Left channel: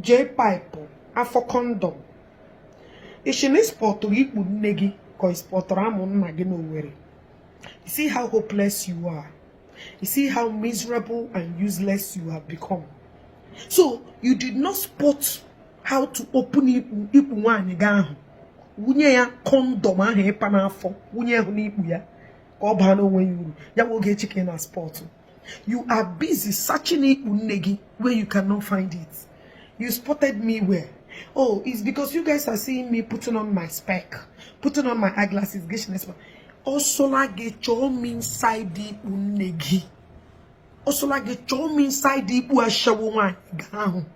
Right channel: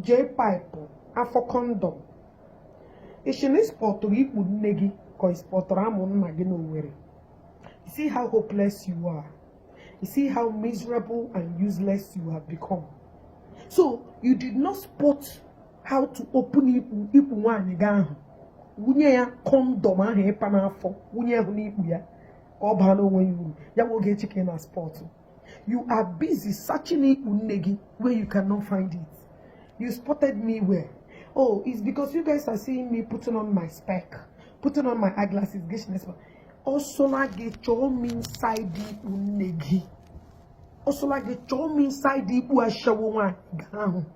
Jpac afọ condom ishini sport ikpu nne gị ka sport amụ nna gị n'Owerri. You see how hopeless you are. You see how miserable and useless you have become. So you did not spot how to open ikpu nwaanyị gị ahụ wunye ya condom ahụ ịpa n'afọ wunye ahụ n'ikpu ya ka ọ baa n'onwe ya uru ya nwoge Okeke na sport. You are busy searching ikpu nne gị where you cannot find it. You spotted me where? Oh, it's because you guys are seeing me putting on my spec, putting on my eyeglasses. Also like a charm inside the unegi. Also like a charm inside the uashawan gown.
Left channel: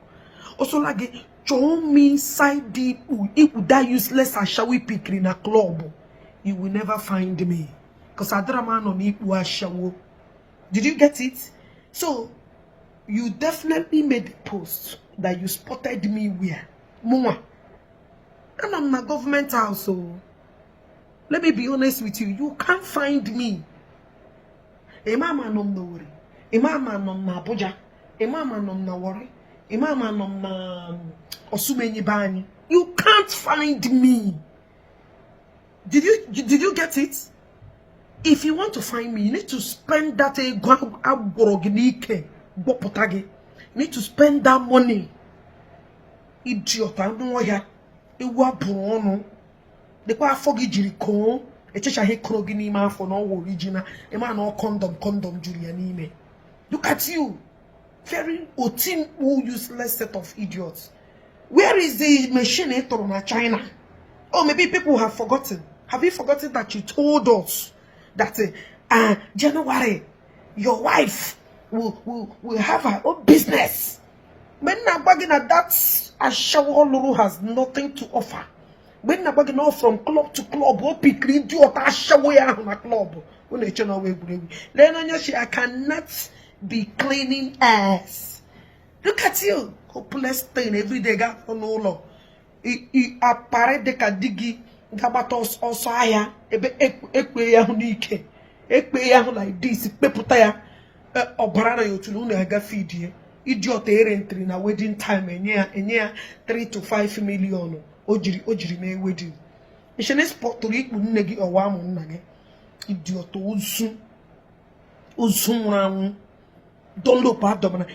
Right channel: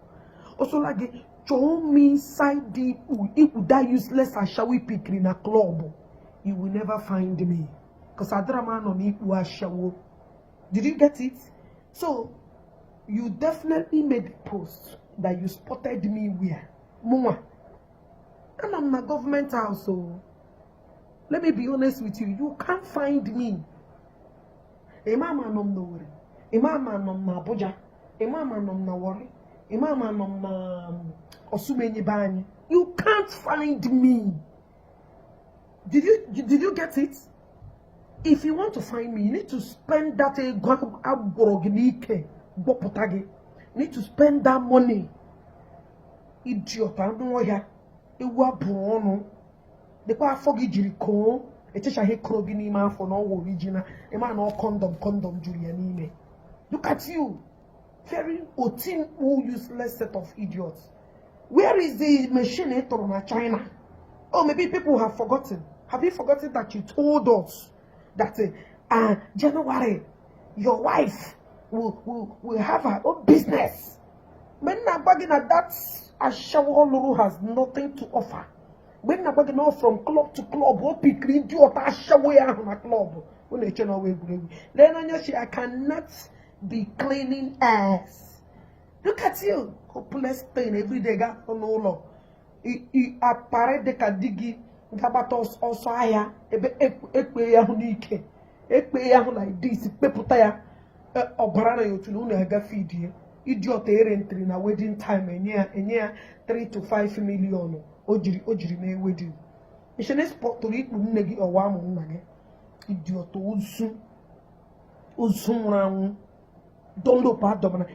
Also like a charm inside the that useless as shall we pick in a club. You will never find me. Because I drama on uashawo. Did you get it? So you definitely made a post that you spotted me where? More. And I'm a government house, so let me be honest with you. You can't find me. A mama nom no worry. A mama nom na Abuja. A mama nom na worry. A mama nom na Osumeni Bani. You can't find me. Did you get it? If you want to find me, you need to spend that you need to spend that money. Idiot, I don't know ya. It was born. The power forgy jirico. A chesha he kroginima for no original. A man or condom Julianime. Look at you. Very otin useless set of idiots. Where is the machine from China? Oh, maybe people have forgotten. Have you forgotten that you told us that January your wife will have her own business? When na bargain at that Ashawo has nothing to offer. When na bargain off from club to club, what pick do or Ashawo on a club. When they channel way, then I cannot be cleaning ass. Look at you, hopeless thing every day. Got on no law. I appare de kadigi gabatos also higher. Ekwe ya hunike. Ekwe ya like this. Peputaya. Obarana yotuluna ga feed ye. Idiot entry na wedding time enya 3 to 5 million ojiri me wedding. Ishene sport to ikpu nne gi owa mu nna gi. Idiot ozu ran don lo pa domina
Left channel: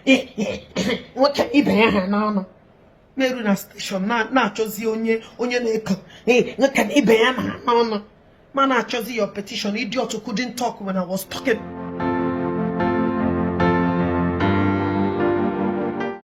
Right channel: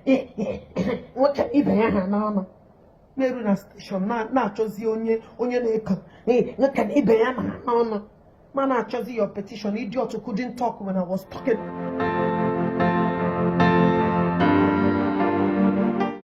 what can ibe ya na no meru na station na achozi onye na eka what can ibe ya na no man achozi your petition. Idiot couldn't talk when I was talking.